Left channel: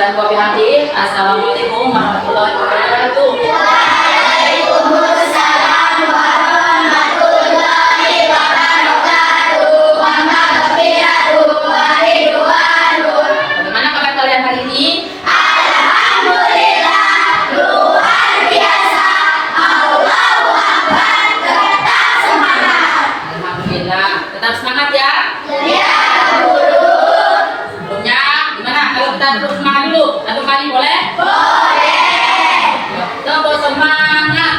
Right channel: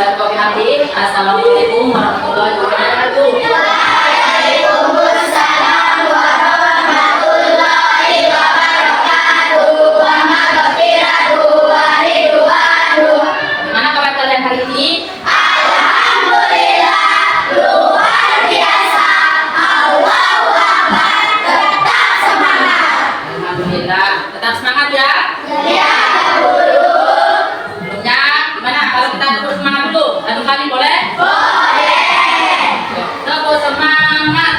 Bismillahirrahmanirrahim wa bihamdihi. Assalamualaikum warahmatullahi wabarakatuh. Waalaikumsalam warahmatullahi wabarakatuh. Wa maghfiratuhu wa ridwanuhu. Gimana kabar kalian hari ini? Alhamdulillah, luar biasa. Allahu Akbar. Tetap semangat. Alhamdulillah, tetap semangat ya. Ya, Guru. Sebelumnya, gimana kalau kita terus semangat dulu? Satu kali boleh? Boleh. Tepuk semangat.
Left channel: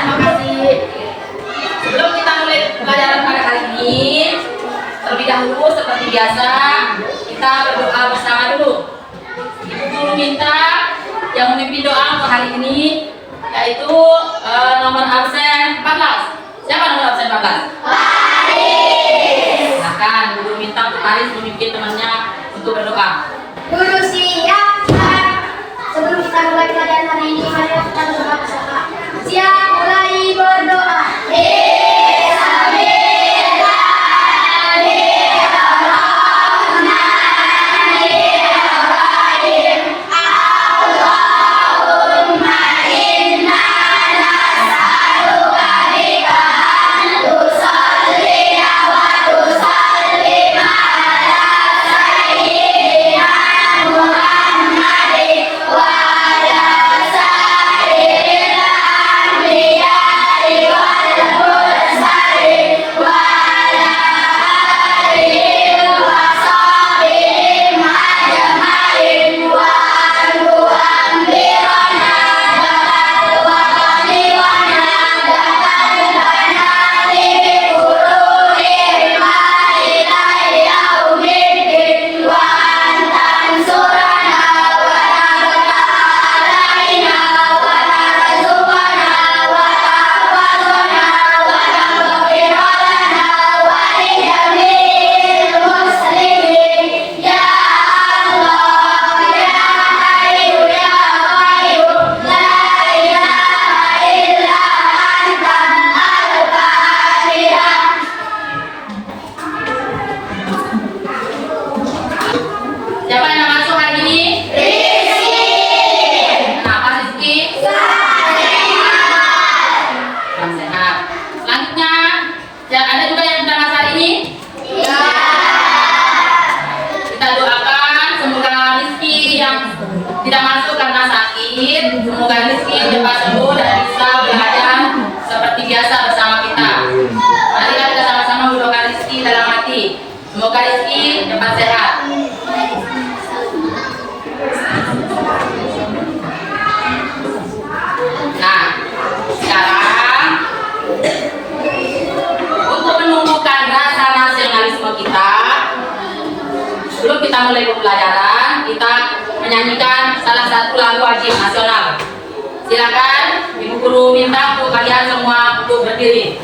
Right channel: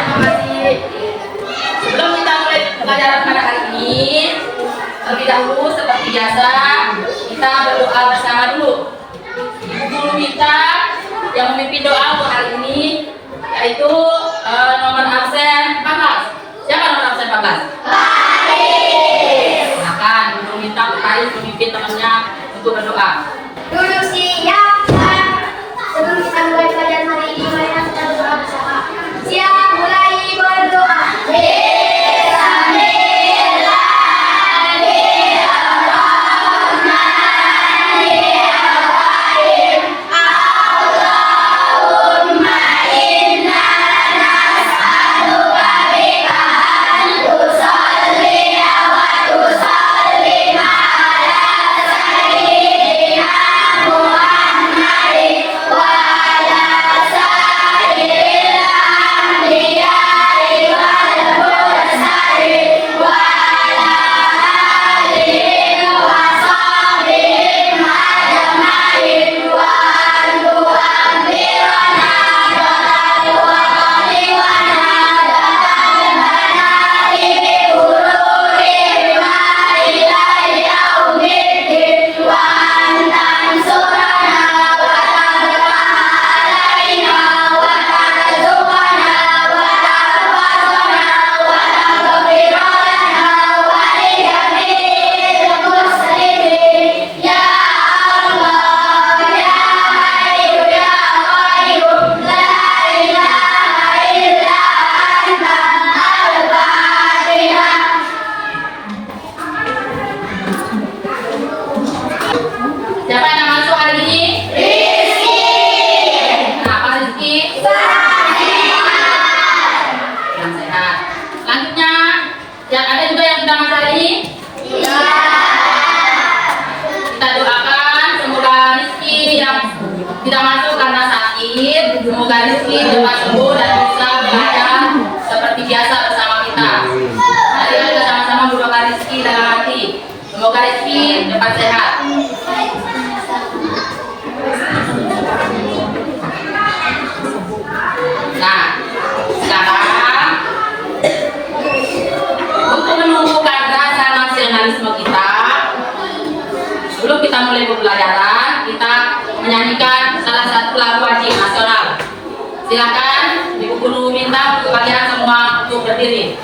Terima kasih. Sebelum kita mulai pelajaran pada hari ini, terlebih dahulu seperti biasa kita berdoa bersama dulu. Ibu guru minta yang memimpin doa untuk hari ini yaitu nomor absen 14. Siapa nomor absen 14? Silakan guru minta untuk Haris memimpin temannya untuk berdoa. Dulu siap. Sebelum kita mulai pelajaran hari ini, mari kita berdoa bersama. Siap, mulai berdoa. Bismillahirrahmanirrahim. Allahumma inna nas'aluka bika an tusalliya wa tusallima ala sayyidina Muhammadin wa ala sayyidil anbiya'i wal mursalin wa ala alihi wa sahbihi ajma'in wa an tu'ammirana jalal watani wa nadatan banati bi qururihima ila yaumiddin wa an tansurana wa tabtaha alaina wa tarzuqana wa tahfazana wa taghfir lana wa li jami'il muslimin ya Allah ya Hayyu ya Qayyum la ilaha illa anta al-Fatihah. Siapa yang masuk hari ini? Rizki Kenapa Rizky? Dan sehat. Selanjutnya, yang ada juga yang sudah masuk hari ini? Kita doakan semoga Rizky yang tidak masuk karena sakit, semoga Rizky cepat sembuh dan bisa belajar seperti biasa bersama kita. Mari kita sama-sama mendoakan Rizky dalam hati. Semoga Rizky cepat sehat. Nah, sekarang untuk menumbuhkan rasa nasionalisme kita, sebelum kita mulai pembelajaran, kita menyanyikan salah satu lagu wajib nasional. Silakan Ibu Guru minta untuk kalian semua untuk berdiri.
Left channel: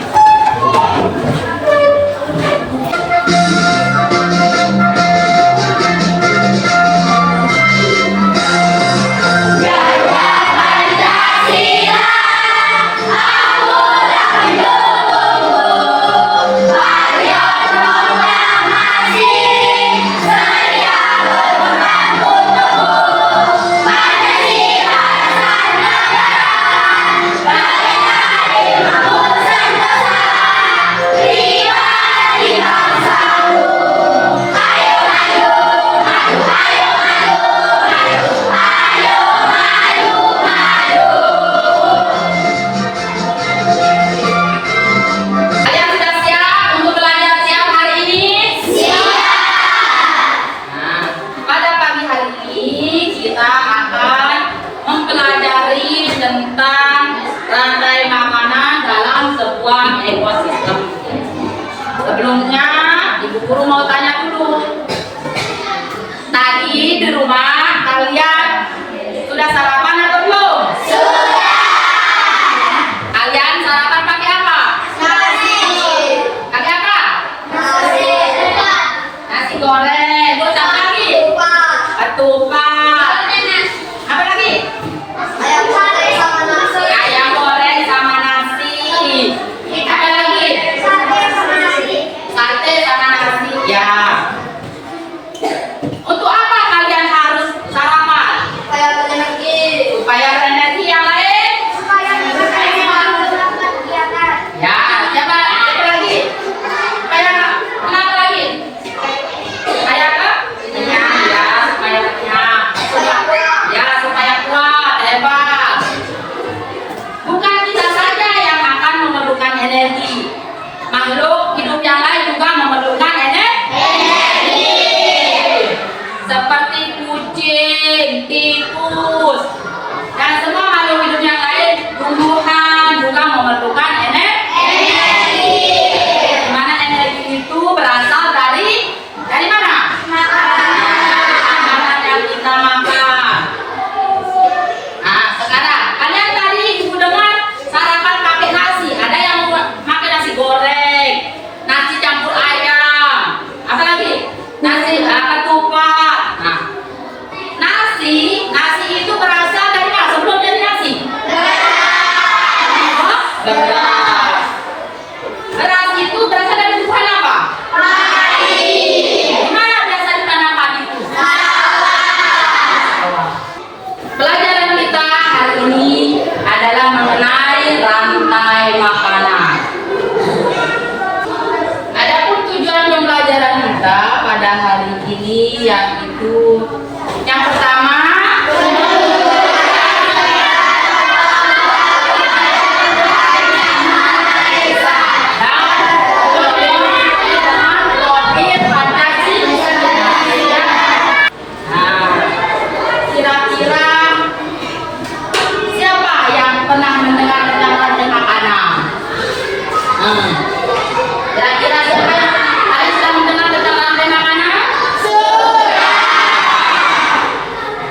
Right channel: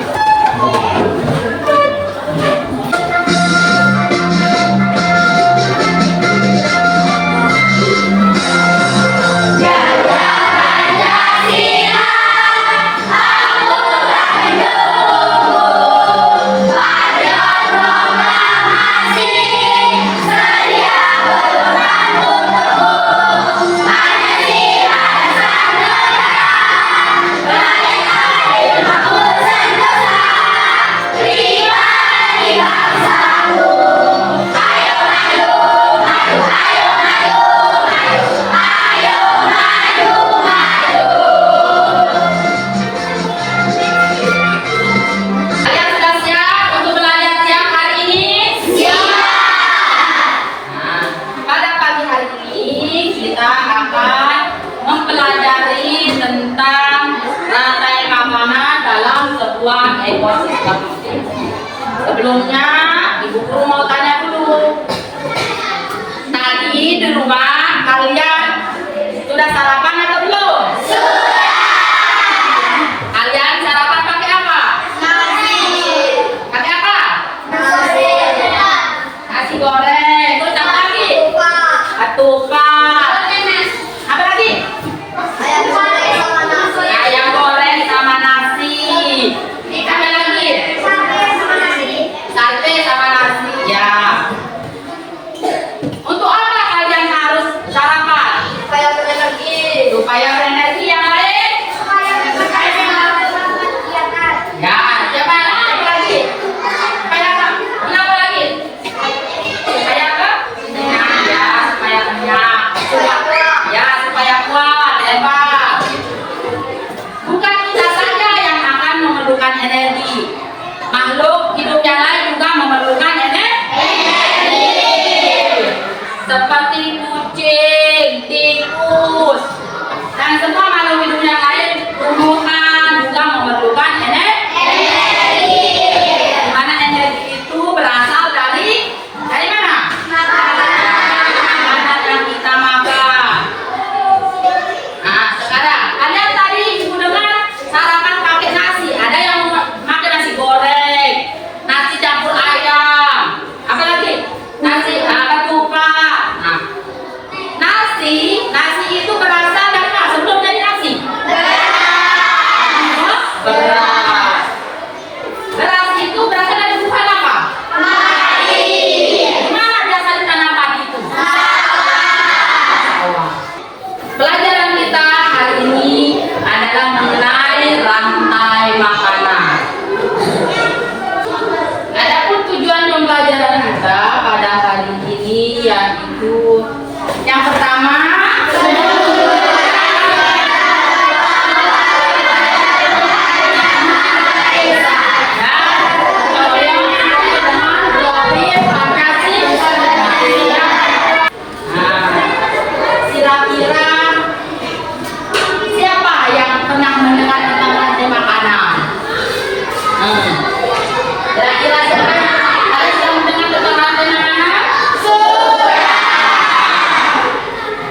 Kalian sudah siap untuk belajar siang hari ini? Nah, pada pagi hari ini kita akan mempelajari tentang rantai makanan dalam sebuah ekosistem. Sebelumnya, Ibu Guru mau tanya dulu. Tadi di rumah kalian sudah sarapan atau belum? Kalian sarapan pakai apa? Pakai apa? Nasi goreng. Terus apa lagi? Ketupat. Apa lagi? Ayam goreng sama nasi. Apa lagi? Sate sama nasi.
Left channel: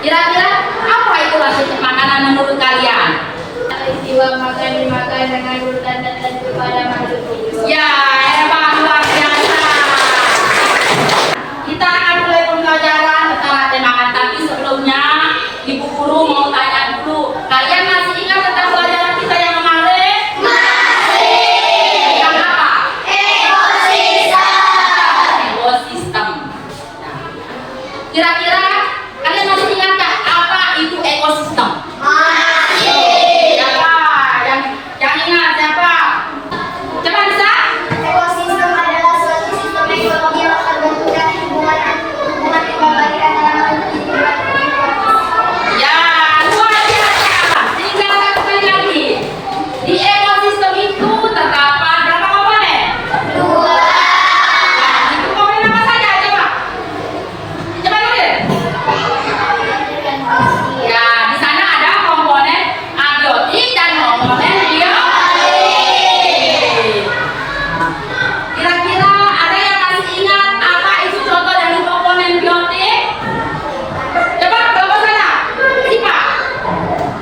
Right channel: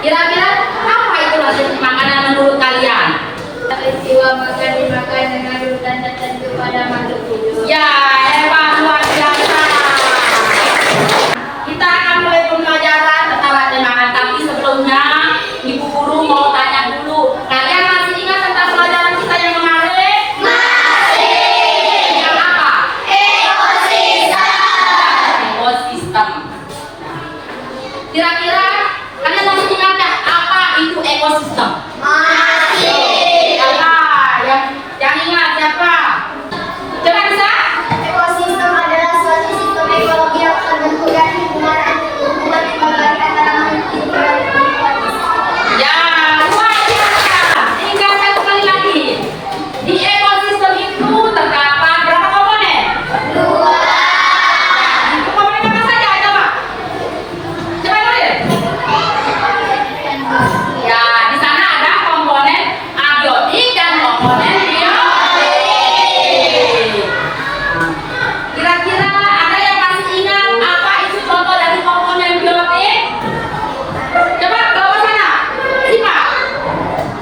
Kira-kira apa itu hasil makanan menurut kalian? Peristiwa makan dimakan dengan urutan tertentu pada makhluk hidup. Ya, hebat, luar biasa. Kita akan mulai pembelajaran tentang rantai makan, tapi sebelumnya Ibu Guru mau tanya dulu. Kalian masih ingat tentang pelajaran kita yang kemarin? Tentang apa? Ekosistem. Nah, kira-kira kalian masih ingat nggak apa itu ekosistem? Siapa yang ingat siapa? Coba bisa? Ekosistem adalah suatu sistem ekologi yang terbentuk dari hubungan berbagai antara makhluk hidup dan lingkungan. Ya, luar biasa. Tinggal satu kali lagi. Di ekosistem itu terdapat berapa komponen? 2. Itu komponen apa saja? Coba. Coba nulis. Ya, di sana ada komponen abiotik dan komponen biotik. Kira-kira ada yang masih ingat apa itu contoh dari komponen biotik? Coba kelompok sana. Siapa?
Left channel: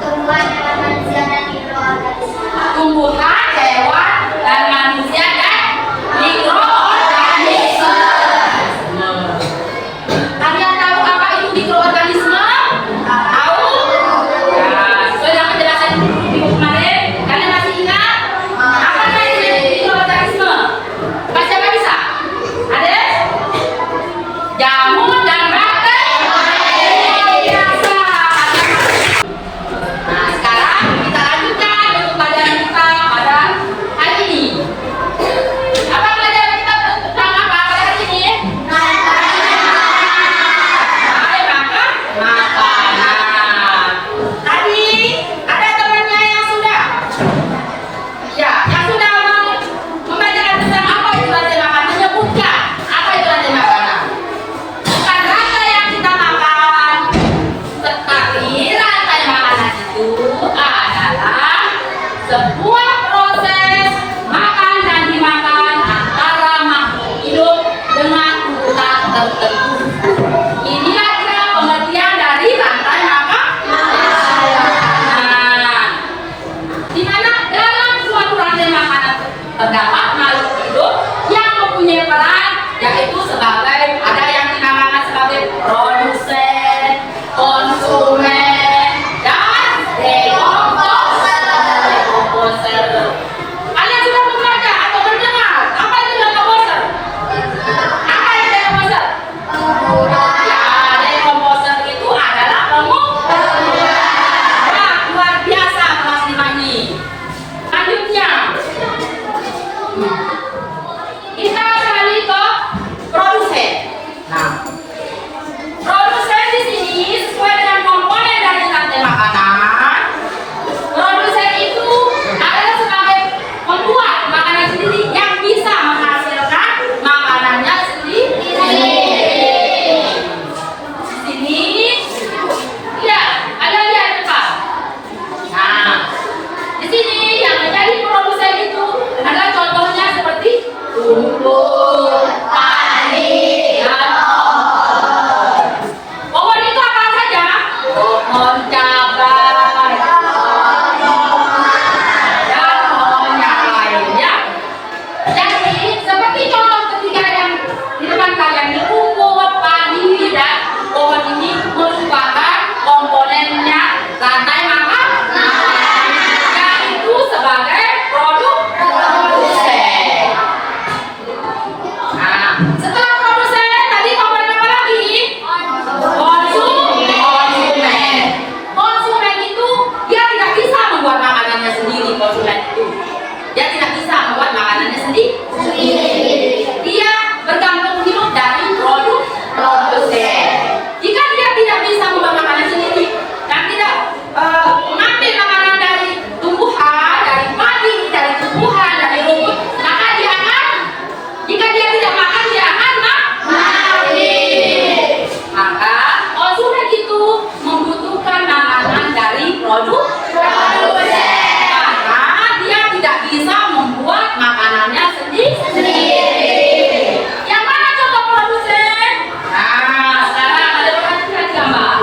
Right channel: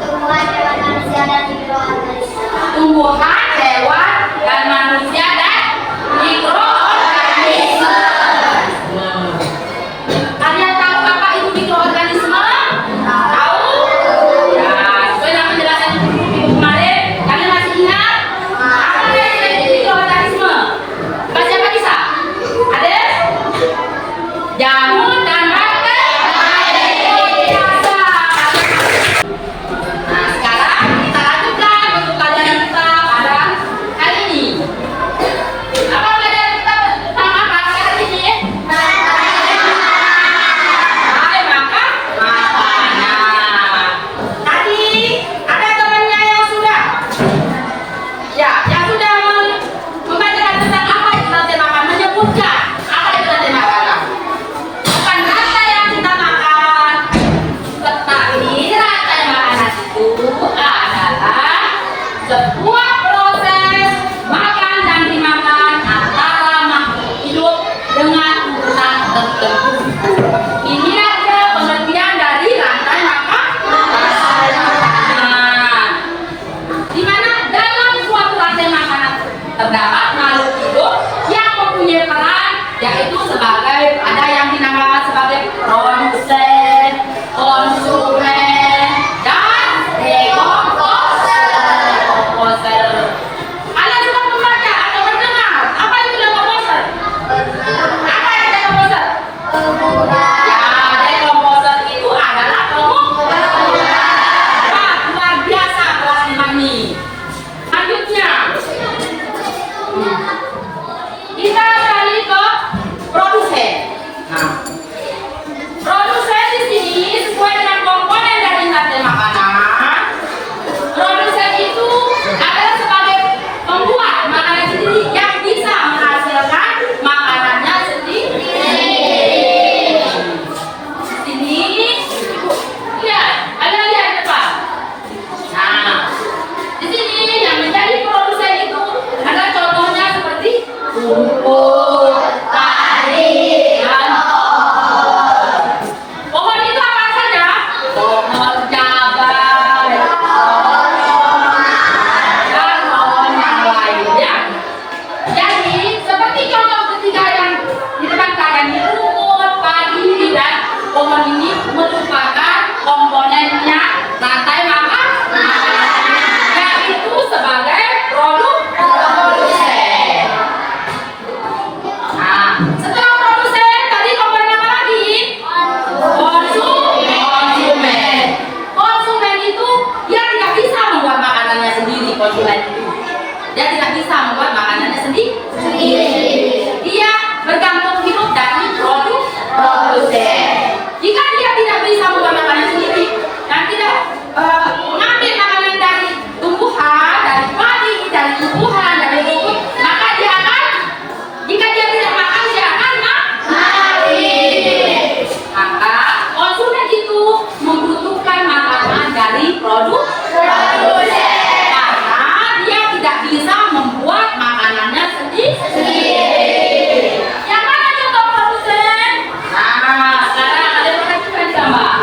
Tumbuhan, hewan, manusia, dan mikroorganisme. Tumbuhan, hewan, dan manusia dan mikroorganisme. Kalian tahu apa itu mikroorganisme? Tahu? Ya, sesuai dengan penjelasan Ibu kemarin, kalian masih ingat? Apa itu mikroorganisme? Baca siapa bisa? Ada? Jamur dan bakteri biasa. Nah, sekarang kita lanjutkan untuk pelajaran kita pada hari ini. Apa pelajaran kita tentang apa pada hari ini? Hai, makan makanan. Tadi ada temannya yang sudah, ya, yang sudah membacakan tentang apa itu rantai makan, menyebutkan apa itu rantai makanan. Bukan rantai yang kita makan, tetapi rantai makanan itu adalah sebuah proses makan dan dimakan antara makhluk hidup dengan urutan tertentu. Inilah dia pengertian dari rantai makan. Nah, di mana dalam suatu rantai makanan terdapat makhluk hidup yang mempunyai peran, yaitu sebagai ada yang dinamakan sebagai produsen, konsumen, dan dekomposer. Kalian sudah membaca atau mendengar apa itu dekomposer? Apa itu dekomposer? Ya, dekomposer itu adalah pengubah. Wah, luar biasa kelas 5 ini. Selanjutnya, kita beralih ke produsen. Nah, produsen di sini sesuai dengan komponen dari rantai makanan. Produsen itu adalah sebagai membuat makanan sendiri yang bisa menghasilkan makanannya sendiri. Sini, ya, kalian lihat depan. Nah, di sini yang menjadi produsen itu adalah contohnya seperti rumput, tani, dan pohon itu apa saja? Pohon cabai, dan pohon yang lainnya. Jadi, seperti contoh ketiga yang di depan kalian, di rumput, padi, dan pohon ini merupakan komponennya rantai makan, yaitu sebagai produsen. Nah, setelah produsen, tadi komponen apa lagi? Konsumen. Konsumen itu dia tidak bisa membuat makanannya sendiri. Konsumen itu dia tidak bisa membuat makanannya sendiri. Dia bergantung hidup dari produsen. Jika dia tidak bisa membuat makanan sendiri dan tidak mengambil makanan dari tumbuhan, dari padi, dari tumbuhan, dari rumput, maka dia akan, jika dia tidak makan, dia akan mati. Maka konsumen itu membutuhkan makanan dari produsen karena dia tidak bisa membuat makanannya sendiri. Yang mana contoh produsen? Nah, sekarang ada perhatikan gambar.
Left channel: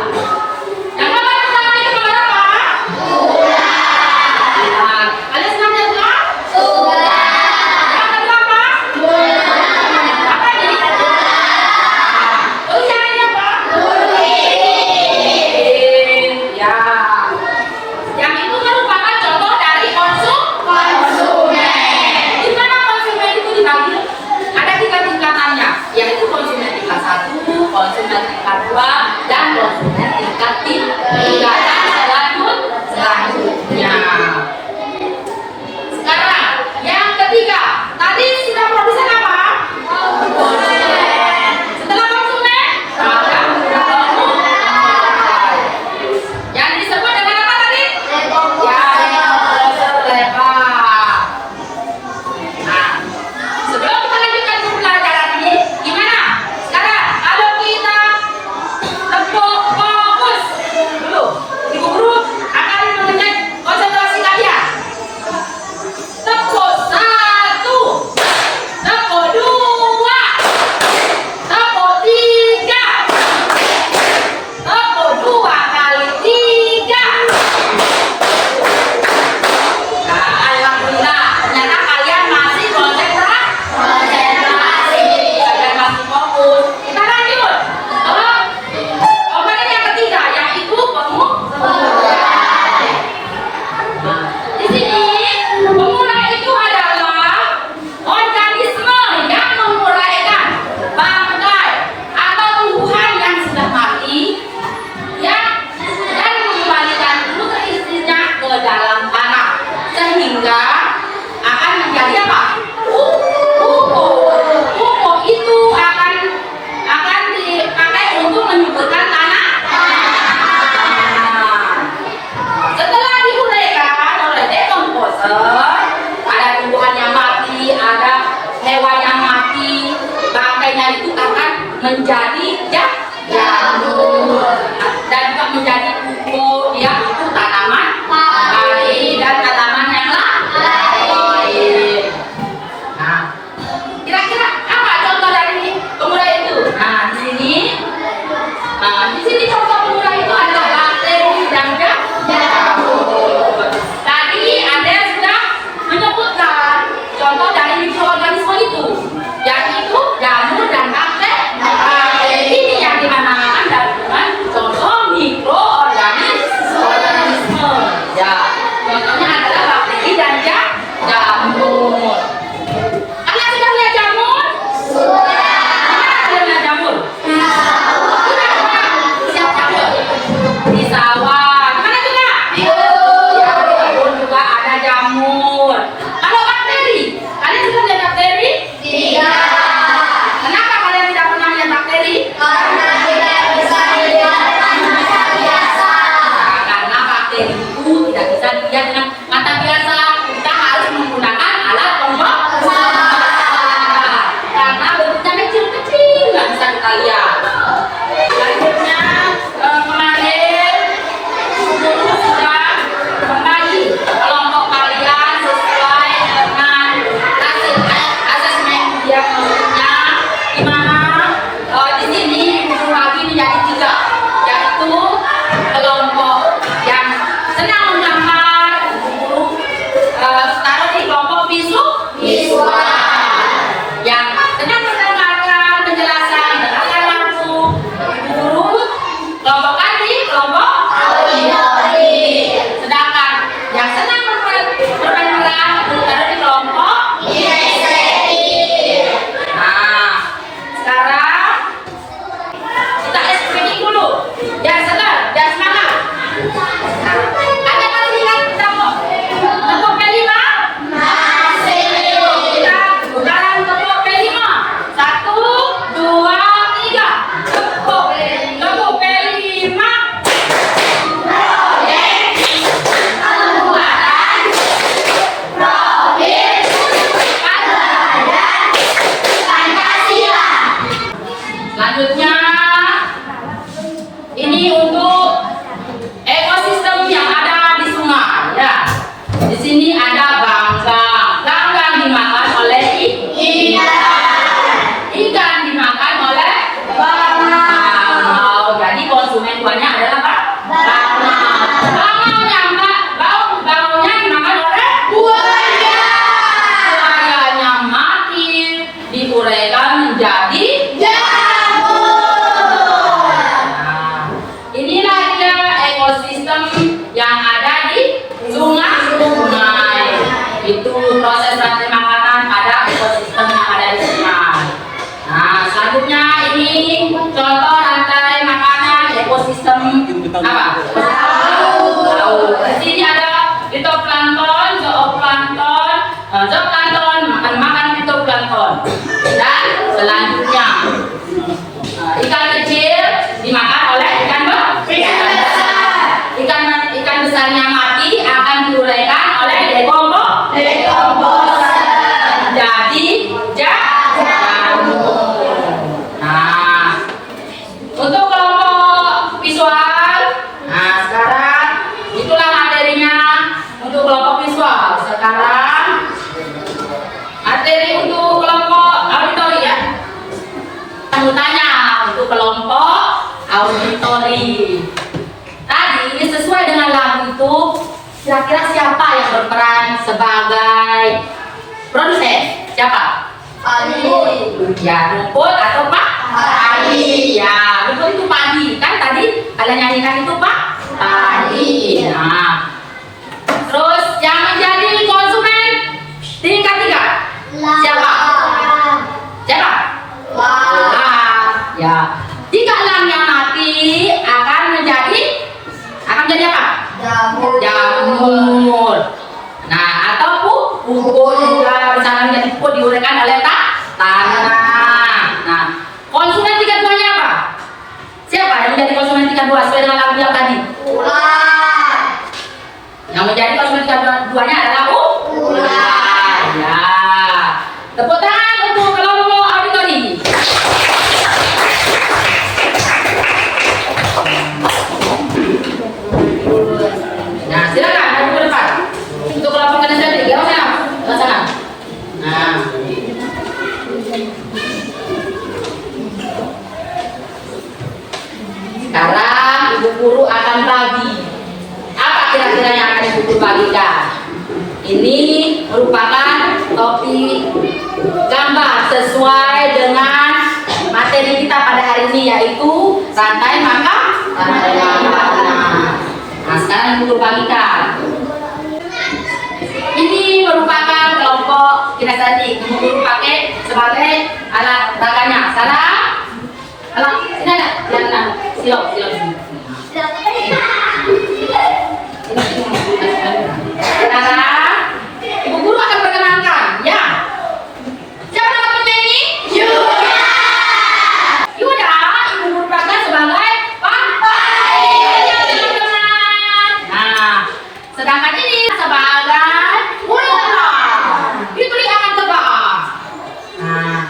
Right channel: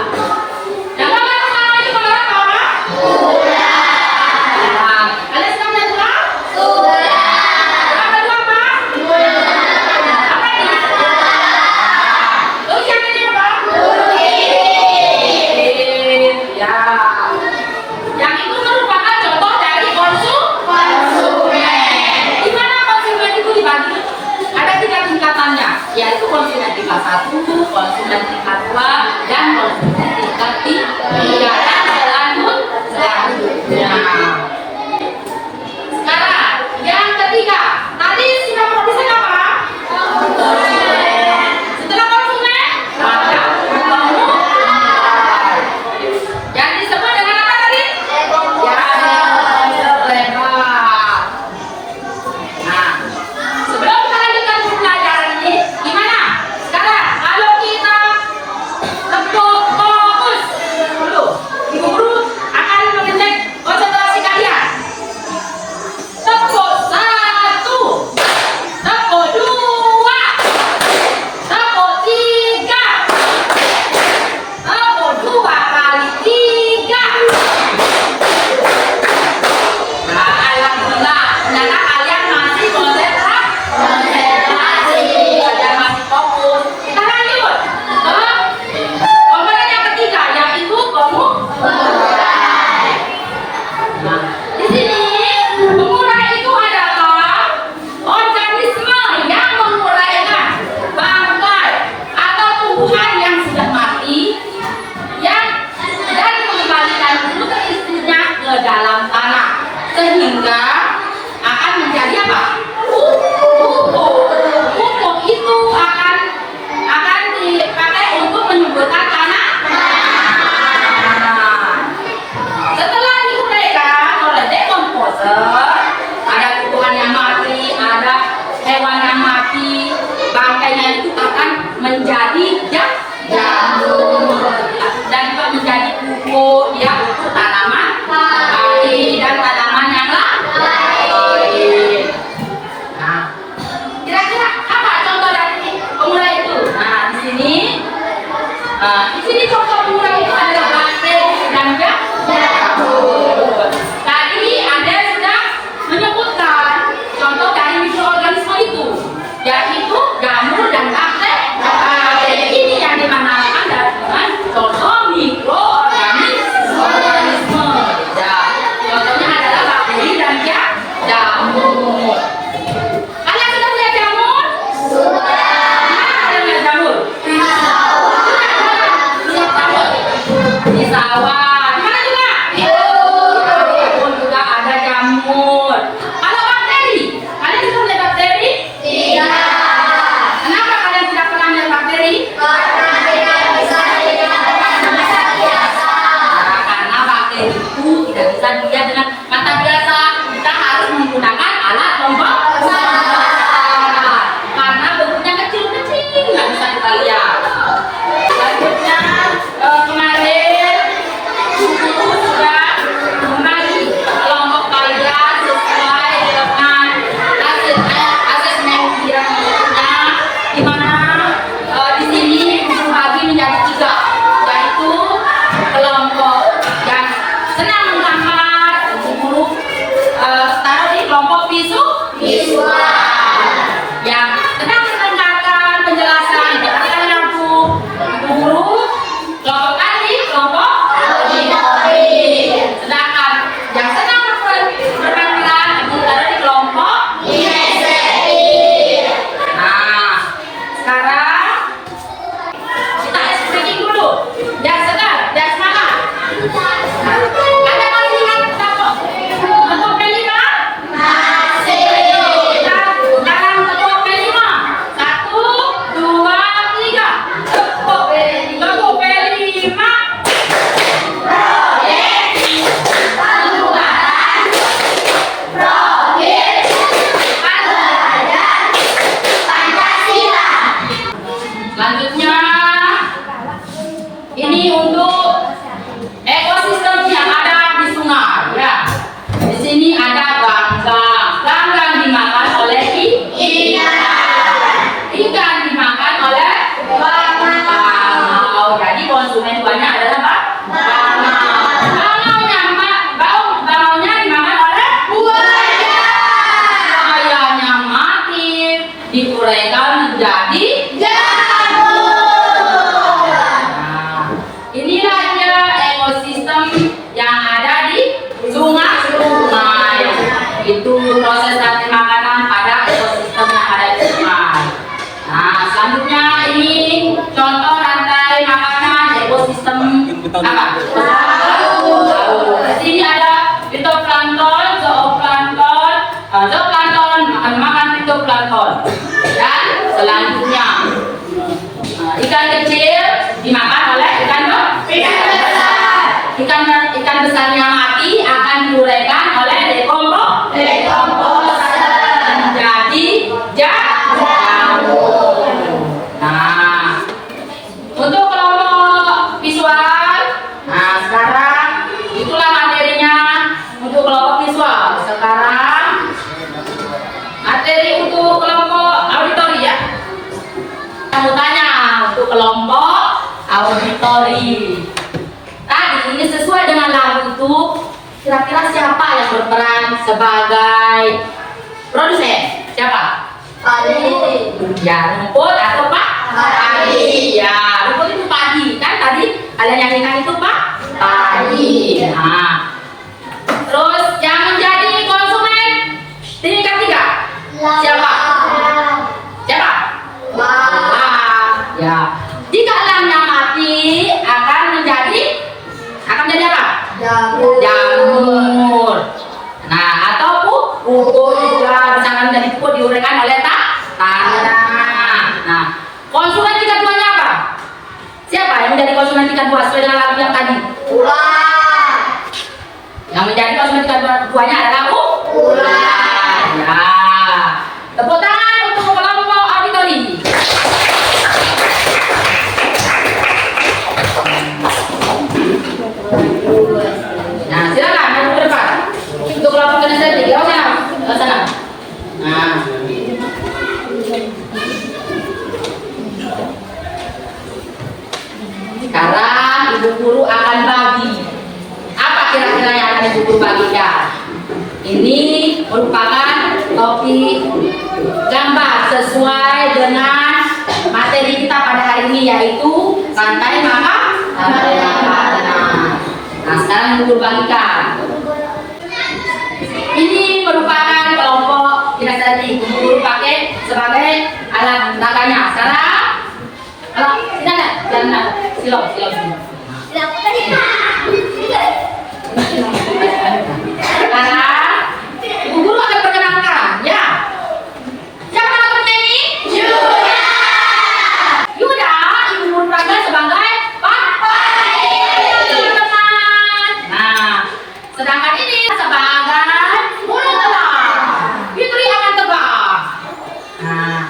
Tahu. Di sini ada fitoplankton, zooplankton. Zooplankton makan fitoplankton. Dan selanjutnya ikan kecil dimakan oleh ikan besar. Ikan besarnya mati akan diuraikan oleh dekomposasi. Jadi jamur. Nah, untuk kelompok visual, nah sekarang itulah materinya untuk kelompok visual. Sekarang materi untuk kelompok auditori ya. Kamu tanya untuk kelompok auditori. Tadi sesuai dengan lagu itu, kira-kira siapa yang berperan sebagai produsen? Siapa? Padi. Ya, rumput atau padi? Ya, rumput itu padi. Kan tadi kalian nyanyikan itu padi. Nah, terus yang menjadi konsumen tingkat 3 siapa? Siapa? Ya, jika lamnya mati akan menjadi apa? Jamur. Nah, atau pupuk juga bisa menjadi pupuk diuraikan oleh tanah. Nah, konsumen tingkat 2-nya apa? Siapa yang menjadi konsumen tingkat 2 sesuai dengan lagu yang tadi? Yang menjadi konsumen tingkat 2-nya adalah ular. Ya. Tepuk tangan untuk kelompok auditori. Nah, silakan maju ke depan. Untuk kelompok kinestetik, ya sana. Nah. Sekarang Ibu Guru akan bagi. Apa kira-kira yang akan Ibu Guru bagikan? Ini merupakan topik gambar sesuai dengan materi kita pada hari ini, yaitu rantai makanan. Nah, sekarang Ibu Guru bagikan. Ini merupakan kelompok kinestetik. Ibu Guru pakai sebagai alat raganya. Sekarang silap. Sekarang Ibu Guru akan perkenalkan, ya. Siapa nama temennya ini? Yuda. Ibu Guru pakai sebagai teman-teman. Nah, sedangkan ini sebagai ular. Fitri akan terbang. Nah,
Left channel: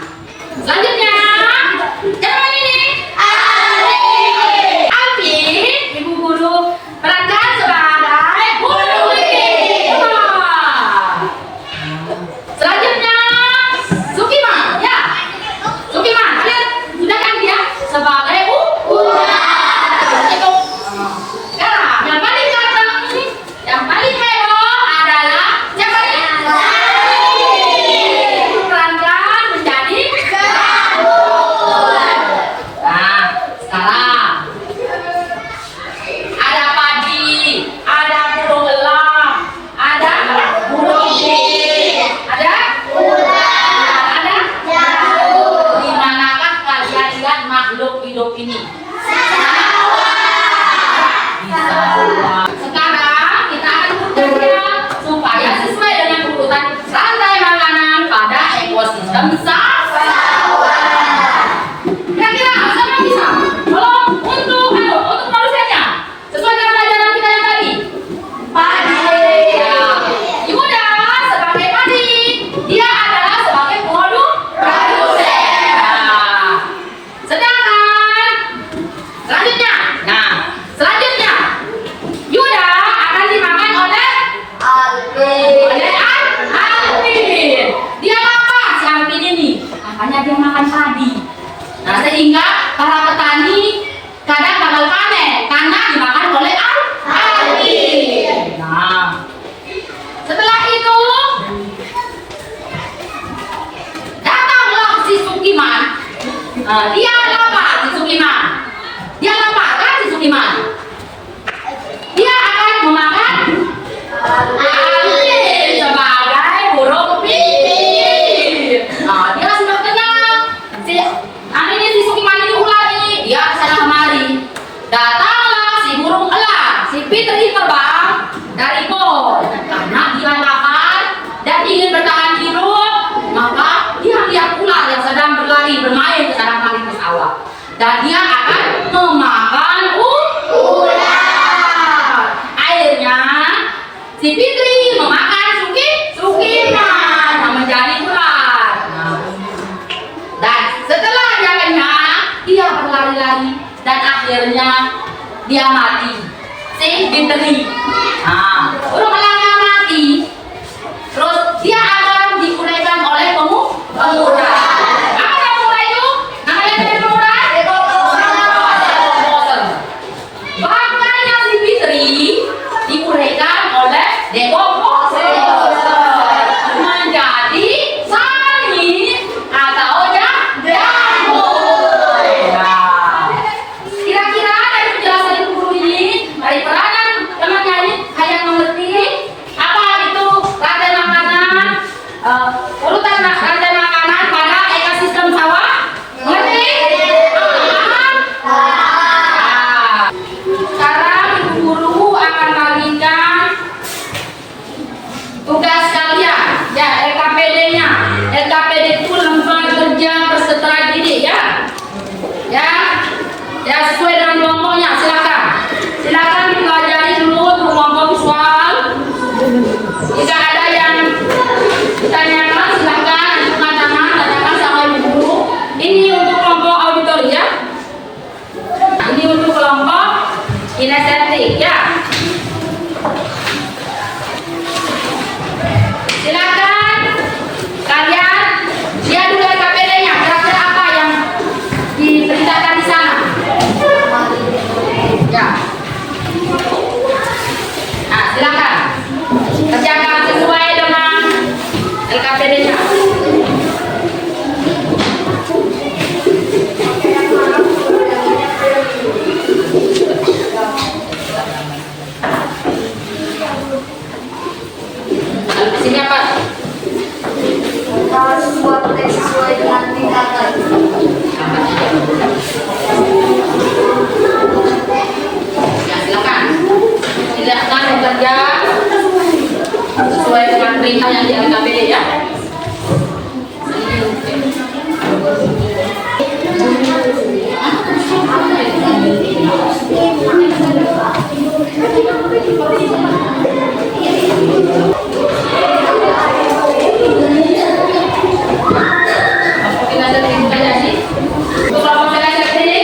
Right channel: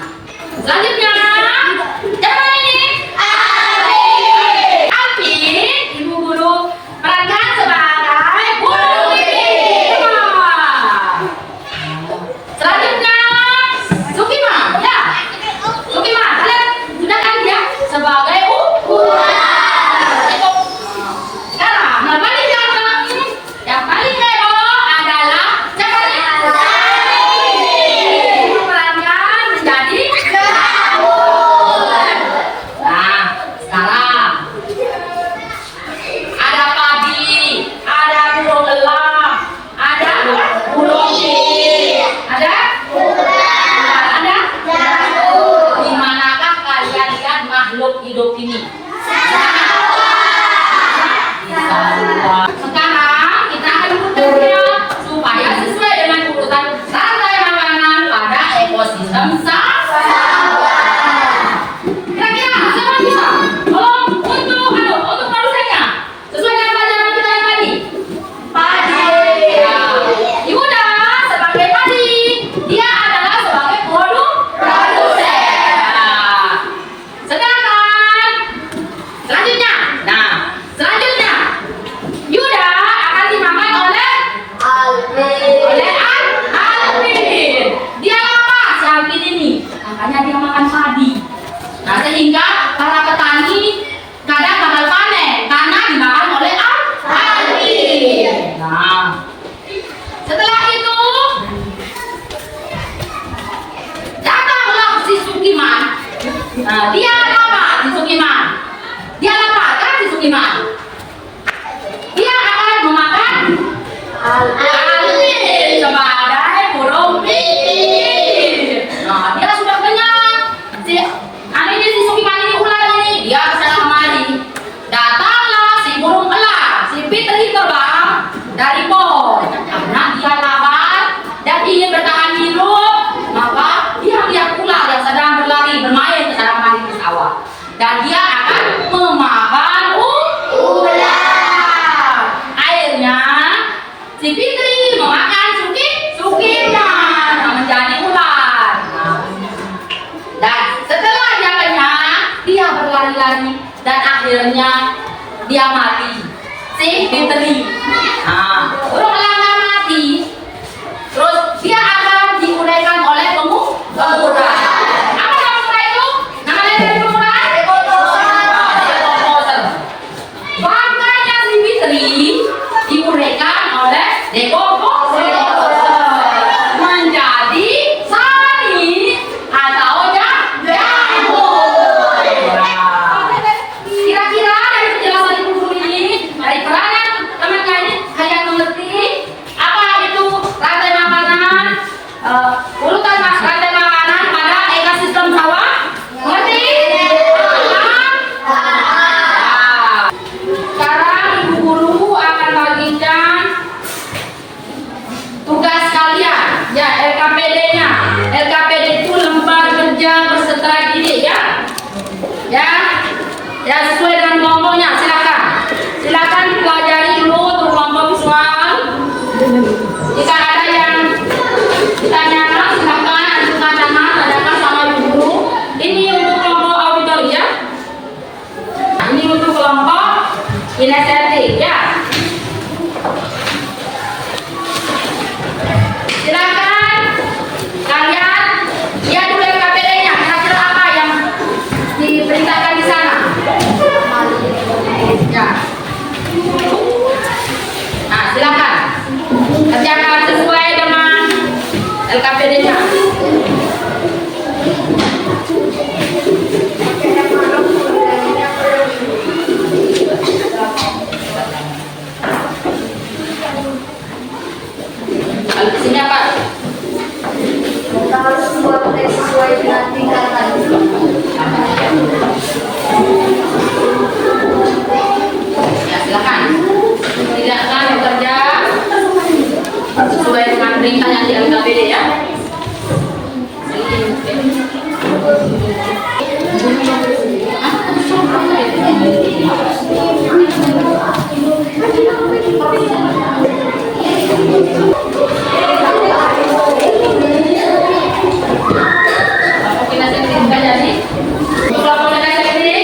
selanjutnya siapa ini? Alpi. Ibu Guru perankan sebagai burung pipit. Selanjutnya Sukima, ya. Sukima, kalian sudah kan dia sebagai ular. Itu. Sekarang yang paling ganteng, yang paling heboh adalah siapa nih? Perankan menjadi jamur. Nah, sekarang ada padi, ada burung elang, ada burung pipit, ada jamur. Di manakah kalian lihat makhluk hidup ini? Di sawah. Fitri terbang dari pohon karena dia lapar dan ingin bertahan hidup, maka dia lihat ular yang sedang berlari bermain ke dalam paling sawah dan dia akan memakan ular. Akhirnya si Fitri memakan Sukiman menjadi ular. Dan setelah dia kenyang, dia berlari-lari dan akhirnya dia mati. Si Fitri. Nah, udah melangkah mati. Terus dia akan diunaikan oleh pemuda. Apa nama pemuda itu? Nama dari pemuda? Makanya si Fitri diunaikan oleh Dekokoser menjadi Sani atau Jamur. Kira-kira dari penjelasan ibu guru ini, dari peranan temannya ini, kalian mengerti apa itu rantai makanan, urutan rantai makanan pada ekosistem sawah? Mengerti? Sekarang ibu guru akan bagikan tugas kalian, ya LKPD-nya. LKPD itu lembar kerja peserta didik, ya. Ya sesuai dengan kelompoknya. Silakan dipelajari dulu untuk kelompok visual. Jika ada yang ditanyakan, silakan ajukan tanyakan sama ibu guru. Ini untuk kelompok auditori, ya. Ini untuk kelompok kinestetik, ya. Silakan kalian lihat dulu LKPD-nya, kira-kira apa yang diberitakan di sana. Ya. Nah, silakan kerjakan sesuai dengan LKPD-nya. Kalau di sini apa? Kita harus membuat teks sesuai dengan tingkatan. Ya, silakan. Silakan bekerja sesuai dengan perintah yang di LKPD, ya.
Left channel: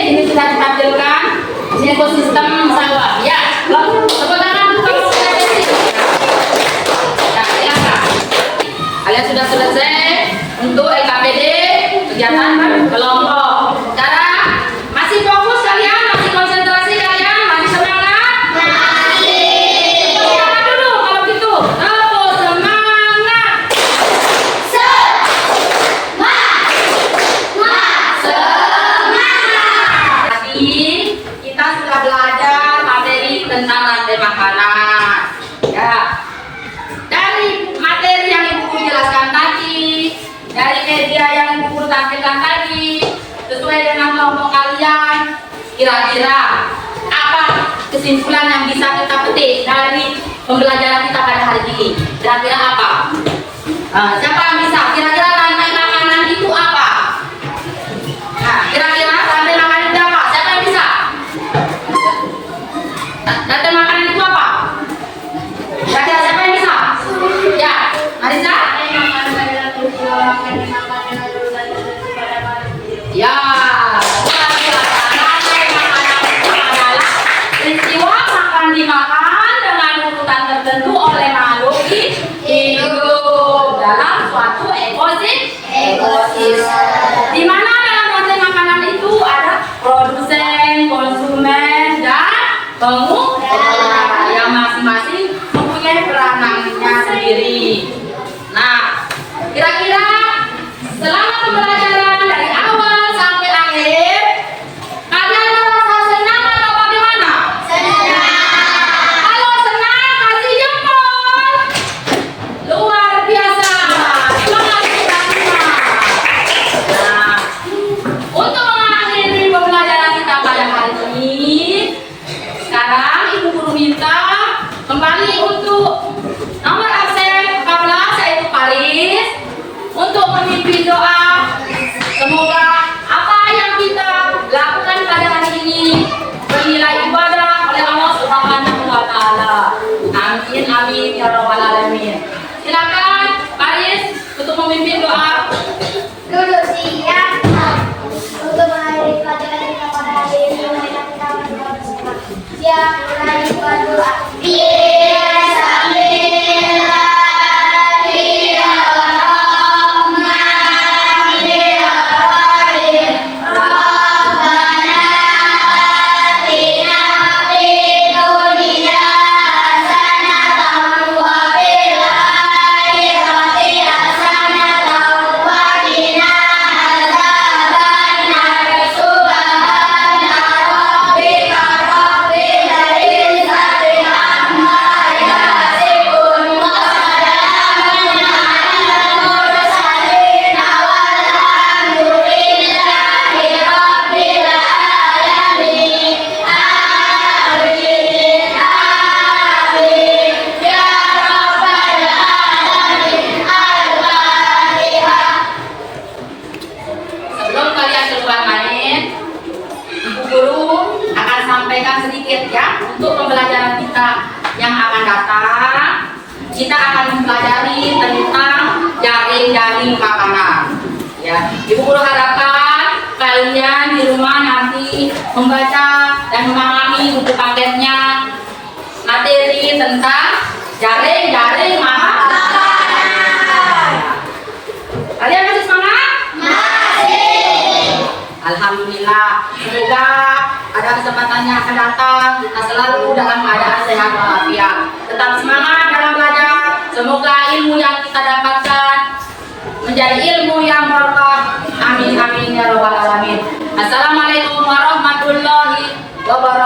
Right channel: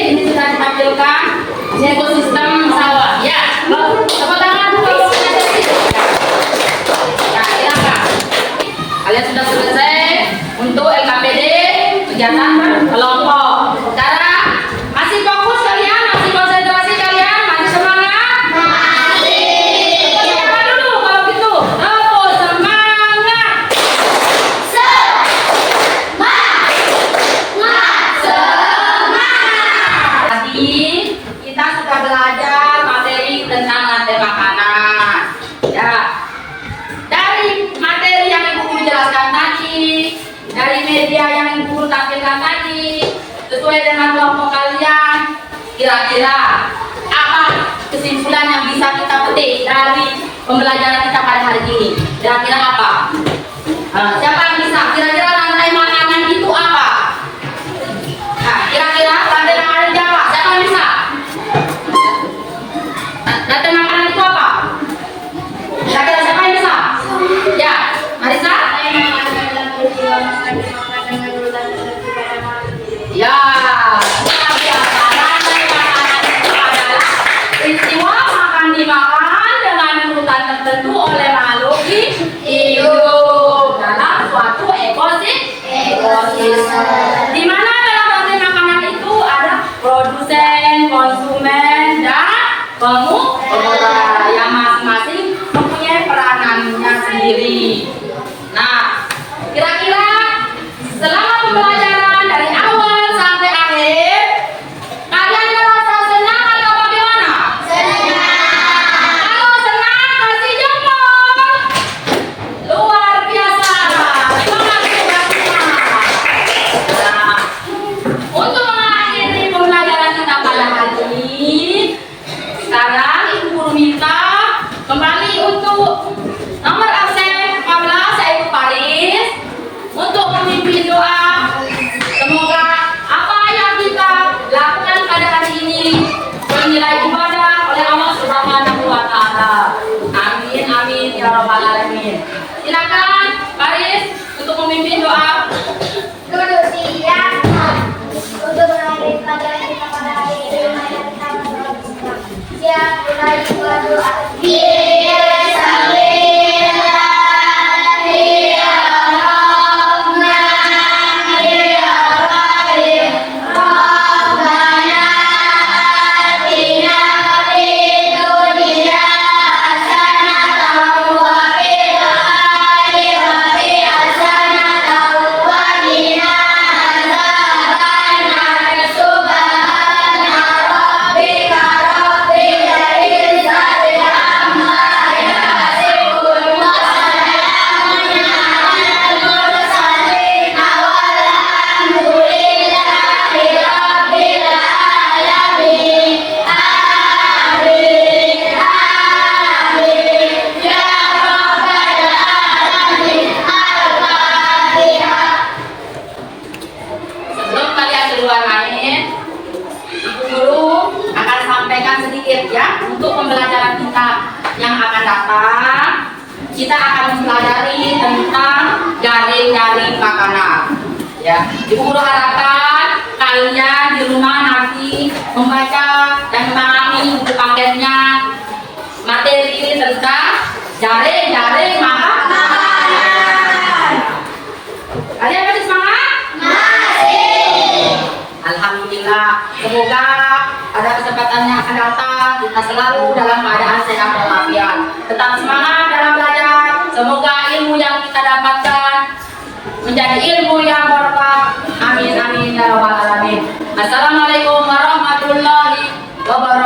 Ini sudah ditampilkan di ekosistem sawah, ya. Tepuk tangan untuk kelompok kinestetik. Ya, silakan. Kalian sudah selesai untuk LKPD kegiatan kelompok. Sekarang masih fokus kalian, masih konsentrasi kalian, masih semangat? Semangat dulu kalau gitu. Tepuk semangat. Tadi kita sudah belajar materi tentang rantai makanan. Ya. Dari materi yang ibu guru jelaskan tadi, dari media yang ibu guru tampilkan tadi, sesuai dengan kelompok kalian, kira-kira apa kesimpulan yang bisa kita petik dari pembelajaran kita pada hari ini? Kira-kira apa? Siapa yang bisa? Kira-kira rantai makanan itu apa? Nah, kira-kira rantai makanan itu apa? Siapa yang bisa? Rantai makanan itu apa? Kira-kira siapa yang bisa? Ya, Marisa? Ya, luar biasa. Rantai makanan itu adalah peristiwa makan dimakan dengan urutan tertentu oleh makhluk hidup dalam suatu ekosistem. Di mana dalam rantai makanan itu ada produsen, konsumen, dan pengusaha yang masing-masing mempunyai peranannya sendiri. Nah, kira-kira selama pembelajaran dari awal sampai akhir, kalian merasa senang atau bagaimana? Kalau senang, kasih jempol. Luar biasa. Semangat kita semua. Nah, untuk mengakhiri pembelajaran kita pada hari ini, sekarang ibu guru minta Kembali untuk nomor absen 14 yaitu Paris untuk memimpin doa. Semoga apa yang kita lakukan pada hari ini bernilai ibadah oleh Allah Subhanahu wa taala. Amin amin ya rabbal alamin. Silakan Paris untuk memimpin doa. Duduk siap. Untuk mengakhiri pelajaran kita pada hari ini, mari kita berdoa bersama. Siap, mulai berdoa. Sebelum kalian keluar main, Ibu Guru akan sampaikan sedikit ya untuk pembelajaran kita yang akan datang. Kita akan mempelajari tentang jaring-jaring makanan. Ya, Ibu Guru harapkan kalian di rumah nanti membaca dan memahami buku paketnya materi tentang jaring-jaring makanan. Kalian masih semangat? Alhamdulillah, semoga pada kesempatan yang akan datang kita selalu dalam keadaan sehat walafiat. Tetap semangat dalam belajar. Semoga ilmu yang kita dapatkan menjadi ilmu yang berkah. Amin amin ya rabbal alamin. Assalamualaikum warahmatullahi wabarakatuh.